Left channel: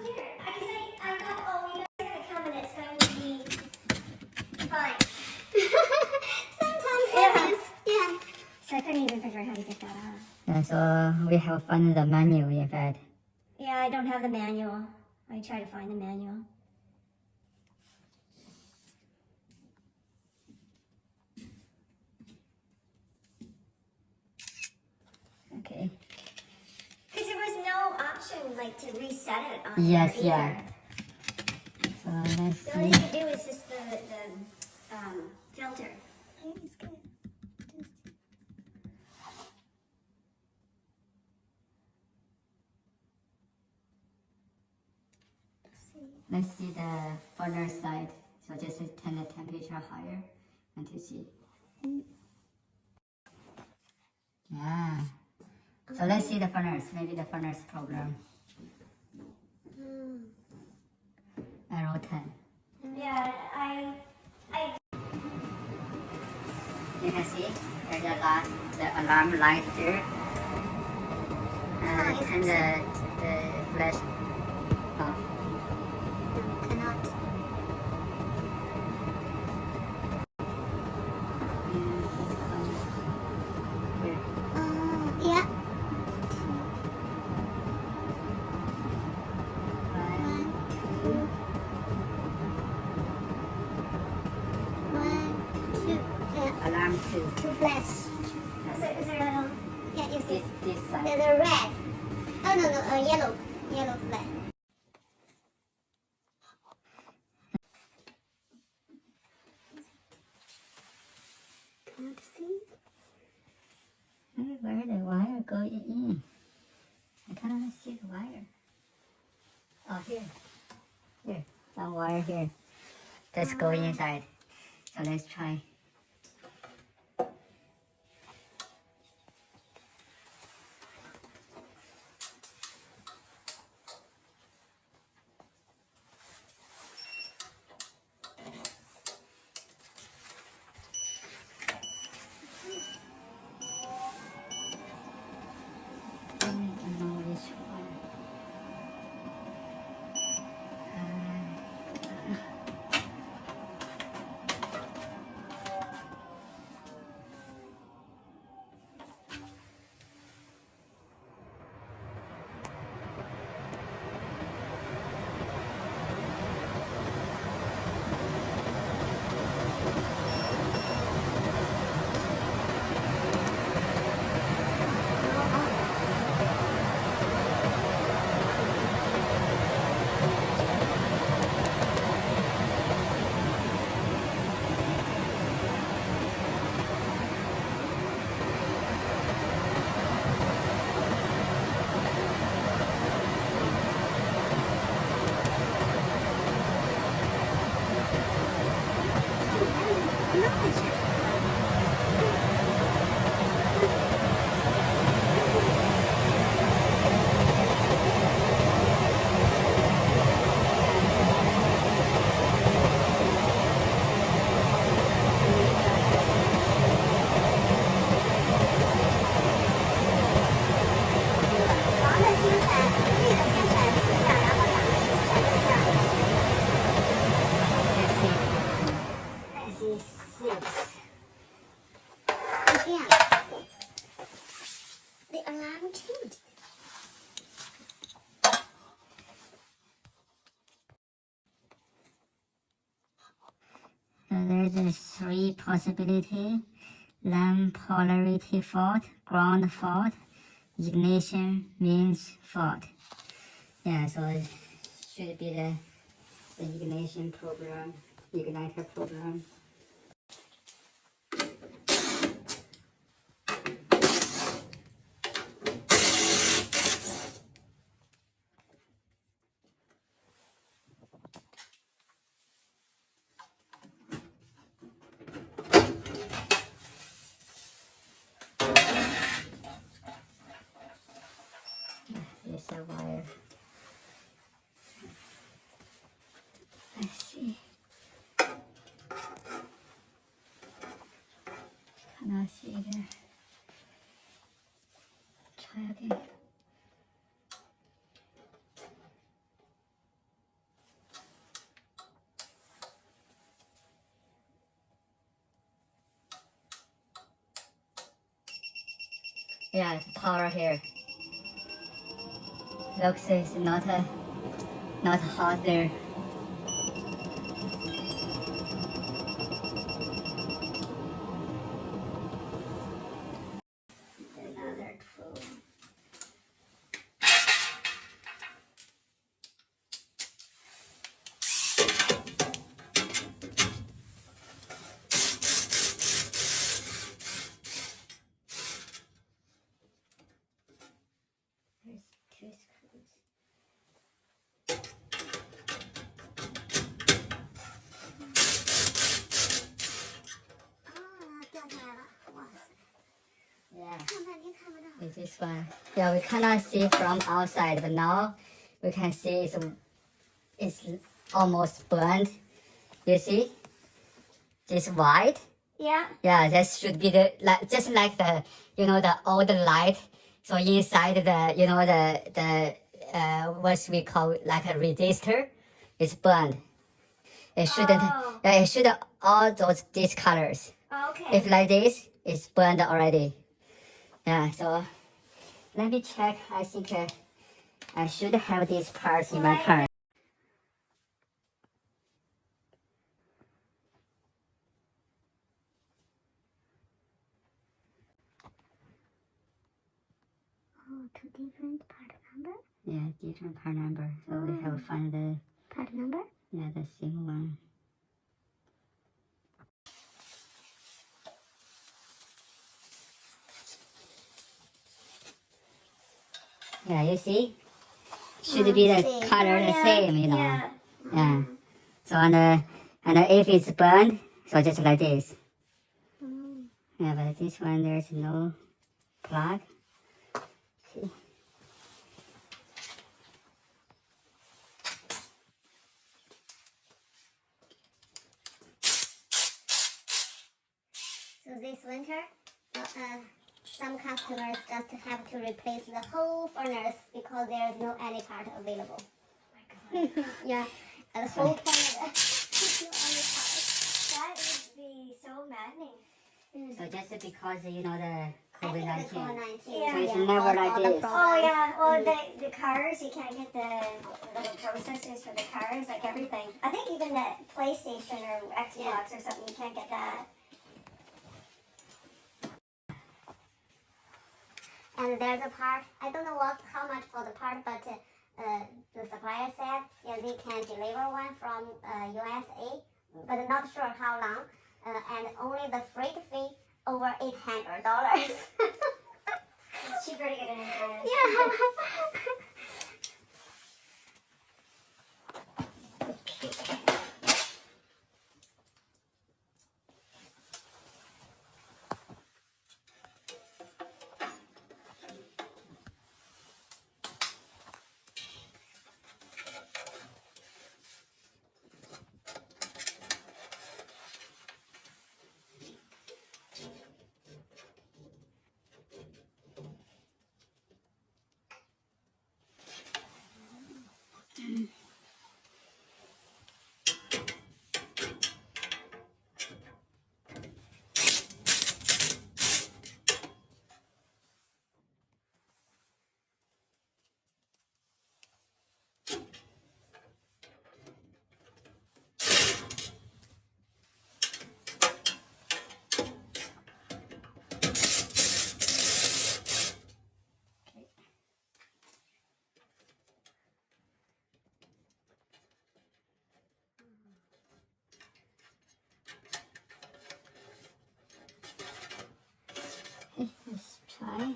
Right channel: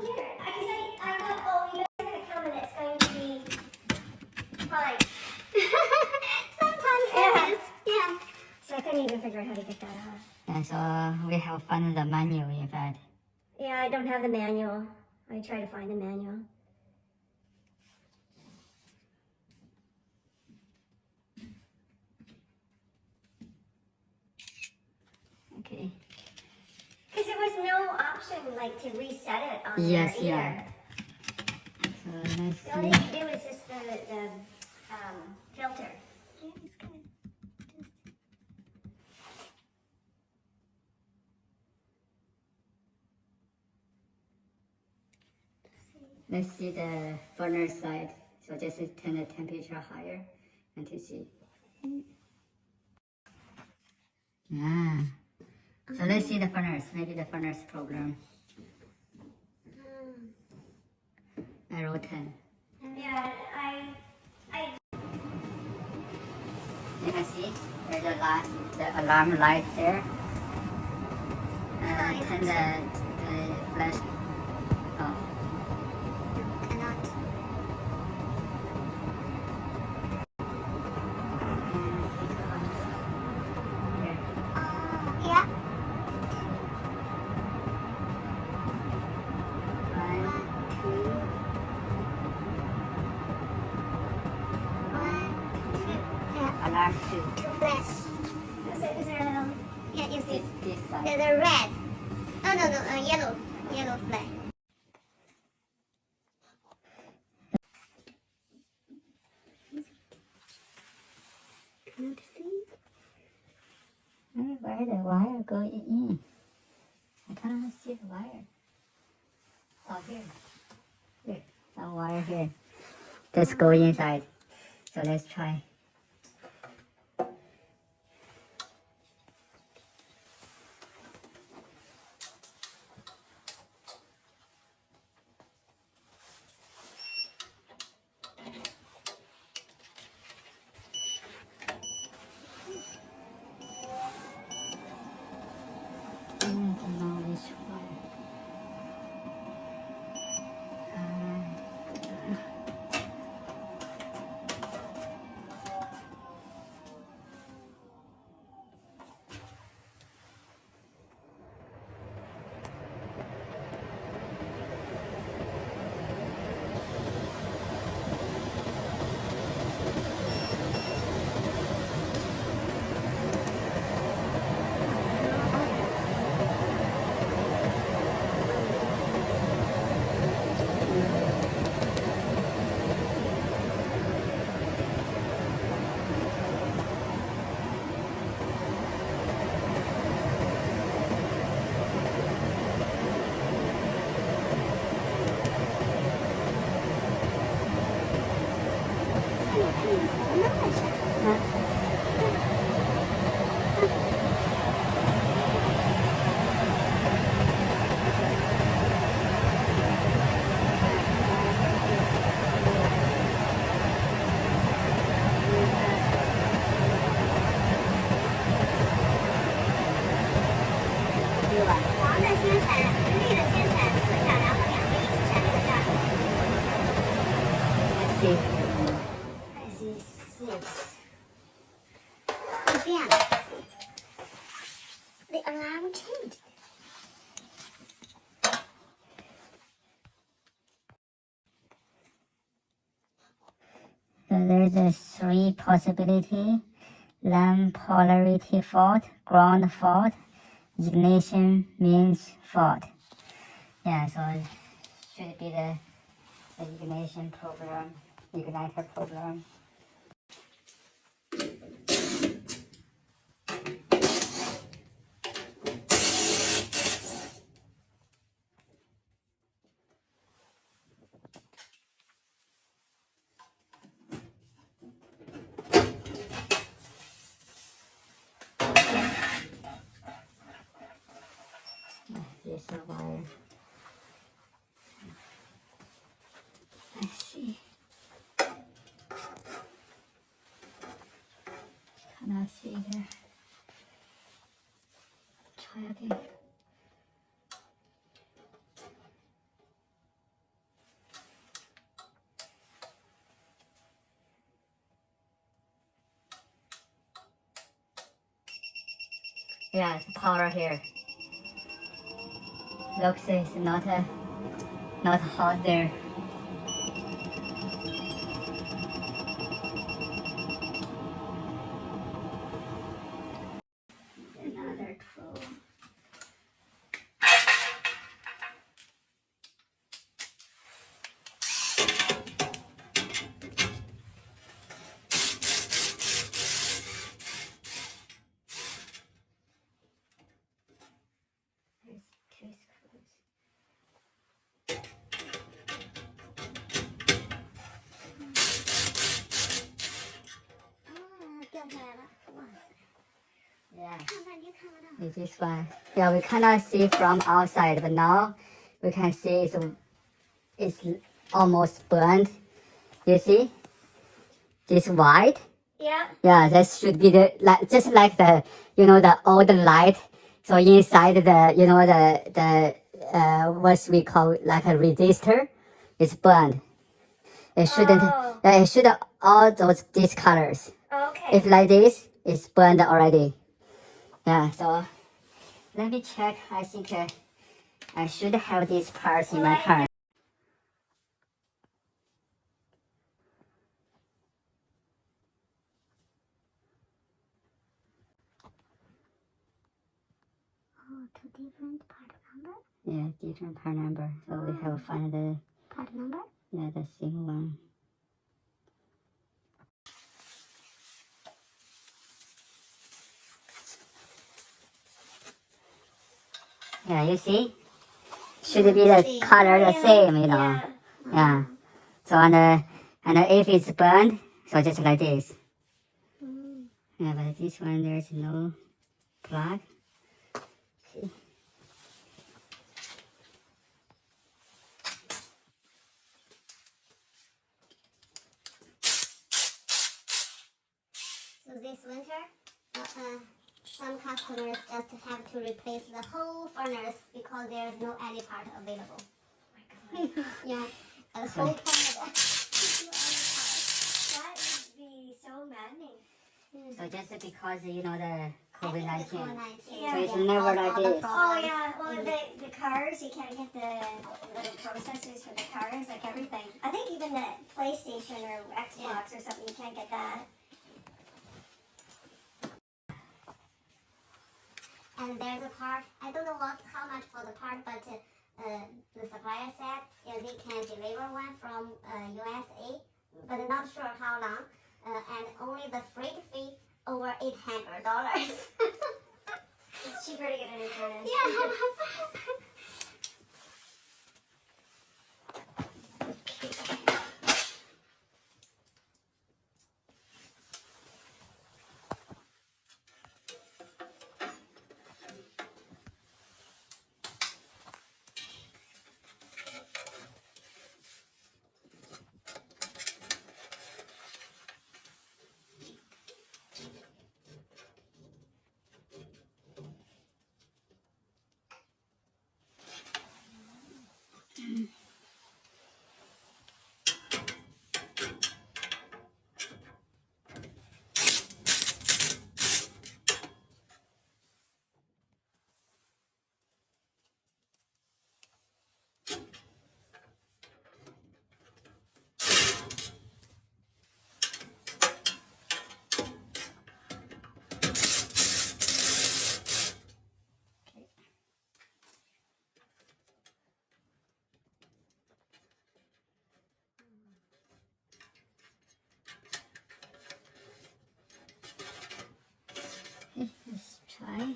weird. I thought, oh, you guys are gonna come and it's going to be fine. Sometimes it is. Yeah. So I couldn't even figure out how to get that off. Yeah, so we have found the manual in fact. Yeah, I don't have the manual. I try to find the manual. Okay. Because there was no option like to reset it on Yes, there yeah. either. So let's The only see. thing you do is just the filter. Yeah, it's good. Let's see the furnace side. So just turn the temperature higher and to see. Yeah. So let's see the furnace. Maybe the furnace program. Arrow 10. Yeah, You can see there's the alarm light there. And the flash off. Here. yeah. Alarm 2. Two flash. Is there yeah, you see. This side. There's a red. Oh, no, yellow. Yellow flash. Can you see? Where the wire going in? I cannot see the wire. Oh, here. Here. Some wire here. Just go inside. So let's try. I don't know which one. The alarm changed. So there's a 3 possibility: lamp polarity fault, ground fault, ignition means fault. Yeah, so it should be the ignition program, igniter program. Here's the wire. Let's see. Cannot see here. Try again. Yeah, power here. Looks is not hot there. Another tool. There's 2 screws. Yeah. With this one. Yeah, we cannot see from outside, but now we can see it's almost burned. You see? This white. Yeah. Yeah, that should be just like the the old light. So inside the what we call like a resistor, is burned. It shouldn't. Oh. Yeah, it should all these colors. Okay. If like this, it's burned already. Yeah. So let me check. I think I should have these parts in my car. Two different part number. Yeah, different part number. So we have to find the Part number. yeah the same one. Yeah, you see? Should be the Same. color the Yeah. same, Yeah. Yeah. So and if it's burned, so just like this. Yeah, but this one there's no plug. So this winter, some customers just have to replace the whole furnace because there is no any part available. Yeah, the whole furnace. That would be so maddening. So just because the I think COVID-19. the COVID-19. So it's never like this. Oh yeah, well the cars, you can't get the processors for the cars, like everything. I think even the PlayStation or Xbox or something, you can't get that. And there's a part, I don't know how much for the part, but the supplier said they can deliver one from USA, but not sure how long, and only the freight fee over $800. It's cheaper to get it in Canada. Yeah. Let's try.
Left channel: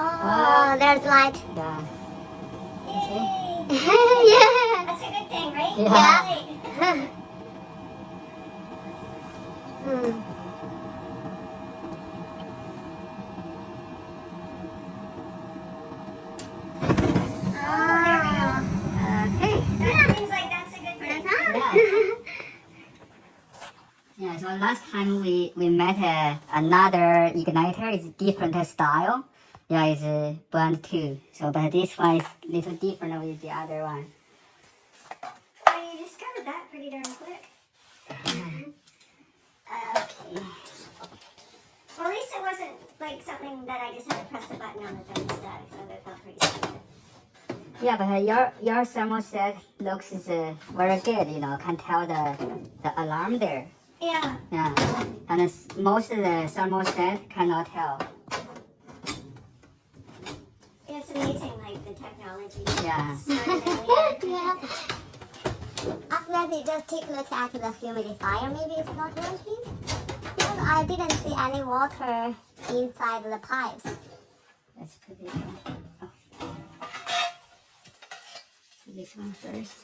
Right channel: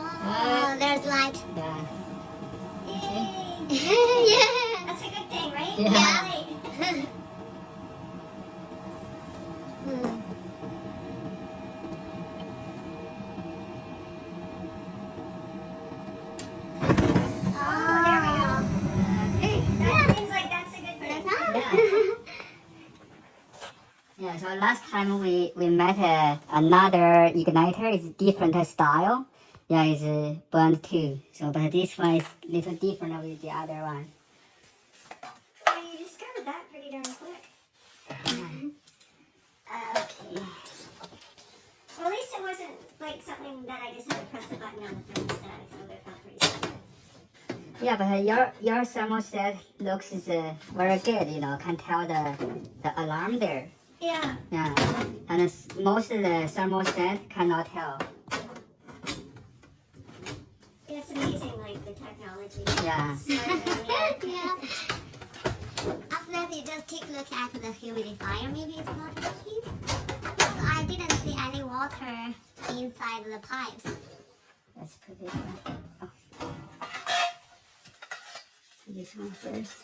Oh, there's light. Yeah. Yeah. That's a good thing, right? Yeah. Hmm. last time we met another igniter. It's different style. Yeah, it's bond too. So, but this one is a little different with the other one. Well, you discovered that pretty darn quick. Okay. Well, at least it wasn't like something that I just had to press the button on the thermostat. So that felt pretty stupid. Yeah, but your thermostat looks very good. You know, can tell the alarm there. Yeah. Yeah, and most of the thermostat cannot tell. It's amazing, like the technology. Yeah. Yeah. After that, you just take a look at the humidifier. Maybe it's not working. I didn't see any water inside the pipes. Let's put this one. Oh. This one first.